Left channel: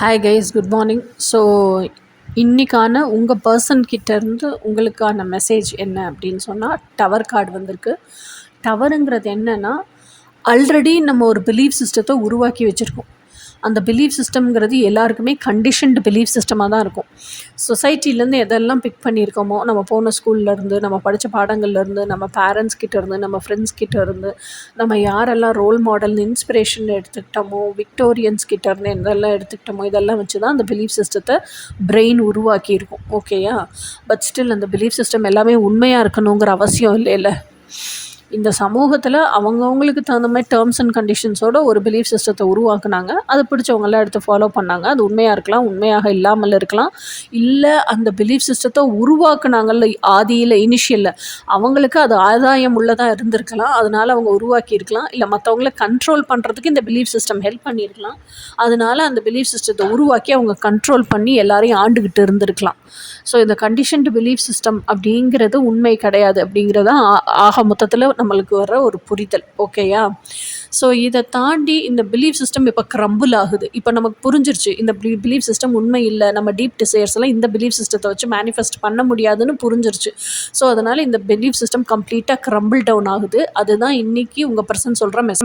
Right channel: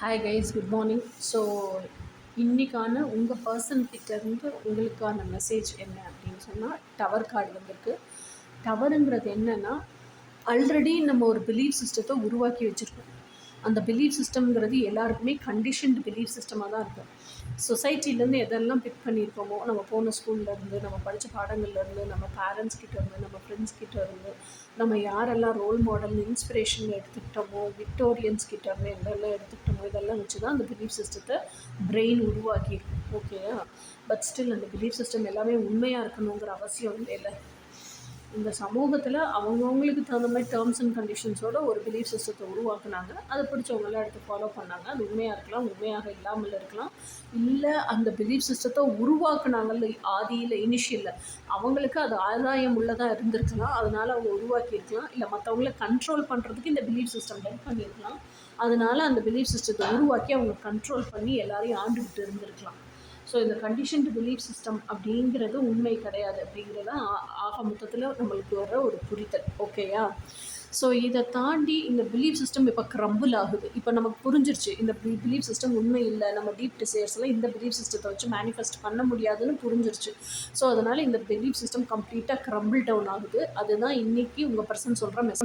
Hi guys, good morning. So இன்றைக்கான உங்கள் person கிட்டேருந்து உங்களுக்கான மெசேஜ் என்ன அப்படின்னு சொன்னால், டவர் கார்டு வந்திருக்கு. டவருங்கிறது என்னென்னா, ஆல்ரெடி நம்ம ஒரு பிலீஃப் சிஸ்டத்தை உருவாக்கி வச்சுருக்கோம். அந்த பிலீஃப் சிஸ்டம்ங்கிறது எல்லாருக்குமே கண்டிஷன்டு பிலீஃப் சிஸ்டமாக தான் இருக்கும். சொசைட்டிலேருந்து எதெல்லாம் பிக் பண்ணியிருக்கோமோ, நம்ம போன ஸ்கூல்லேருந்து, நம்ம படித்த பாடங்கள்லேருந்து, நம்ம பேரண்ட்ஸ் கிட்டேருந்து, நம்ம ஃப்ரெண்ட்ஸ் கிட்டேருந்து, நம்ம யாரெல்லாம் ரோல் மாடல் இன்ஸ்பிரேஷன் எடுத்துக்கிட்டோமோ, விக்டோரியன்ஸ் கிட்டேருந்து எதெல்லாம் எடுத்துக்கிட்டோமோ, இதெல்லாம் வச்சு தான் அந்த பிலீஃப் சிஸ்டத்தை பிரெயின் உருவாக்கியிருக்கும். ஓகேயா? பட் ஸ்டில் அந்த பிலீஃப் சிஸ்டம் எல்லாமே உண்மையாக இருக்கணுங்கிற அவசியம் இல்லைல்ல. இந்த சமூகத்தில் அவங்கவுங்களுக்கு தகுந்த மாதிரி டேர்ம்ஸ் அண்ட் கண்டிஷன்ஸோட ஒரு பிலீஃப் சிஸ்டத்தை உருவாக்குனாங்க. அதை பிடிச்சவங்களாம் எடுத்து ஃபாலோ பண்ணாங்க. அது உண்மையாக இருக்கலாம், உண்மையாக இல்லாமல் இருக்கலாம். இல்லை அந்த பிலீஃப் சிஸ்டத்தை உருவாக்குனாங்கல்ல ஆதியில், இனிஷியலில், அவங்களுக்கு அது ஆதாயம் உள்ளதாக இருந்திருக்கலாம். அதனால் அவங்க உருவாக்கியிருக்கலாம். இல்லை மற்றவங்கள கண்ட்ரோல் பண்ணுறதுக்கு இந்த பிலீஃப் சிஸ்டம் ஹெல்ப் பண்ணியிருக்கலாம். அதனால் அந்த பிலீஃப் சிஸ்டத்தை உருவாக்கி அவங்க கண்ட்ரோல் பண்ணி எல்லாரையும் ஆண்டுக்கிட்டு இருந்திருக்கலாம். ஸோ இந்த கண்டிஷன்டு பிலீஃப் சிஸ்டம் அப்படிங்கிறது உண்மை கிடையாது அப்படிங்கிறதான் ஆக மொத்தத்தில் நம்மளுக்கு வர ஒரு புரிதல். ஓகேயா? ஸோ இதை தாண்டி இந்த பிலீஃப் சிஸ்டம் இப்போ க்ரம்பிள் ஆகுது. இப்போ நமக்கு புரிஞ்சிருச்சு இந்த பிலீஃப் சிஸ்டம் உண்மை இல்லை, நம்ம டீப் டிசைர்ஸ் எல்லாம் இந்த பிலீஃப் சிஸ்டத்தை வச்சு மேனிஃபெஸ்ட் பண்ண முடியாதுன்னு புரிஞ்சிருச்சு. ஸோ அதனால் இந்த பிலீஃப் சிஸ்டம் கம்ப்ளீட்டாக க்ரம்பிள் டவுன் ஆகுது. அதுதான் இன்றைக்கி உங்கள் பர்சன் சொல்கிற மெசேஜ்.